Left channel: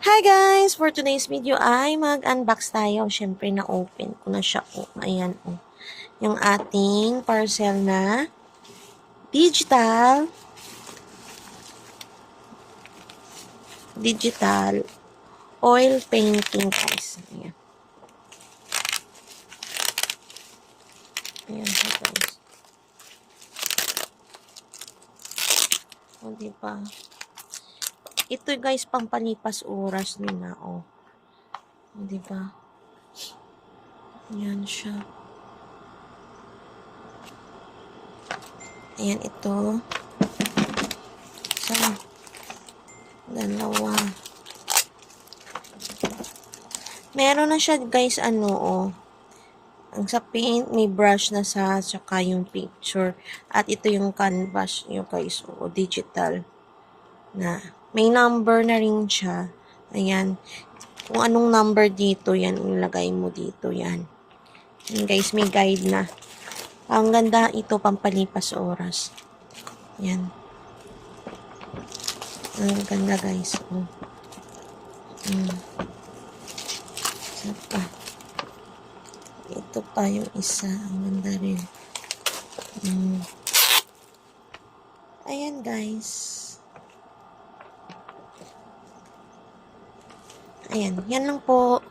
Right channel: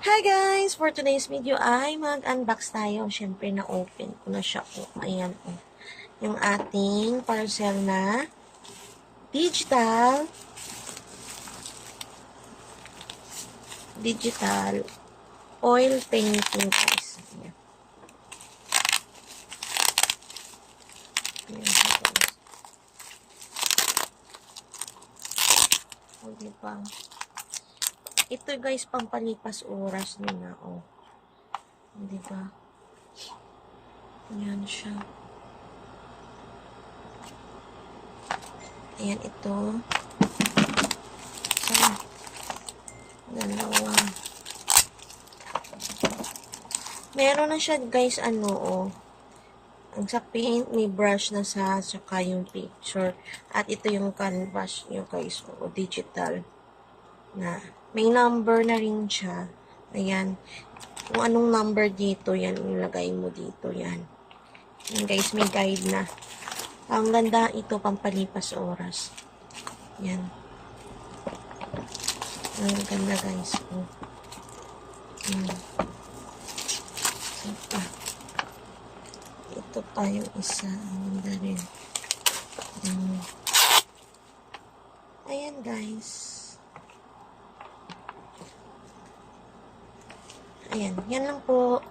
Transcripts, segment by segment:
Hi guys! For today's video ay mag-unbox tayo. Siyempre na-open ko na siya. Ayan yung ating parcel na digital oil painting guys. Ayan. Ayan guys. Diba? Ito guys, pampalipas oras nila, Diba? Ayan siya. Ayan ito. So, dalawa. Meron na siya guys, ang sa paint, may brush na saka yung picture. At ito yung canvas nyo guys, digital na. May number na rin siya. Ayan. Kung anong number dito, yan, ilagay mo dito, yan. Ayan guys, may guide na. Ang ganda ito, pampalipas oras. Yan. Ang ganda guys. Ito pa yung isa. Ang ganda rin. Ayan guys. Ayan. Yan lang po.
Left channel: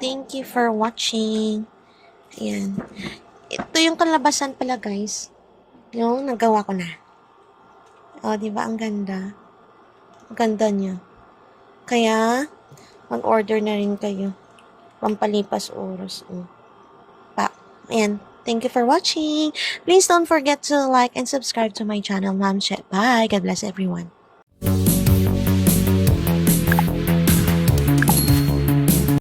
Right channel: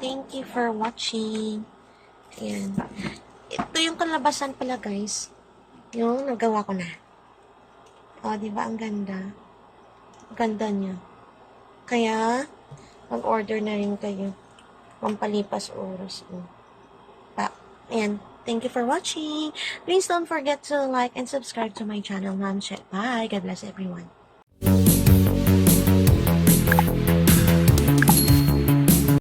Thank you for watching. Ayan. Ito yung kalabasan pala guys. Yung nagawa ko na. Diba? Ang ganda. Ang ganda niya. Kaya, mag-order na rin kayo. Pampalipas oras. Ayan. Thank you for watching. Please don't forget to like and subscribe to my channel, Ma'am Che. Bye. God bless everyone.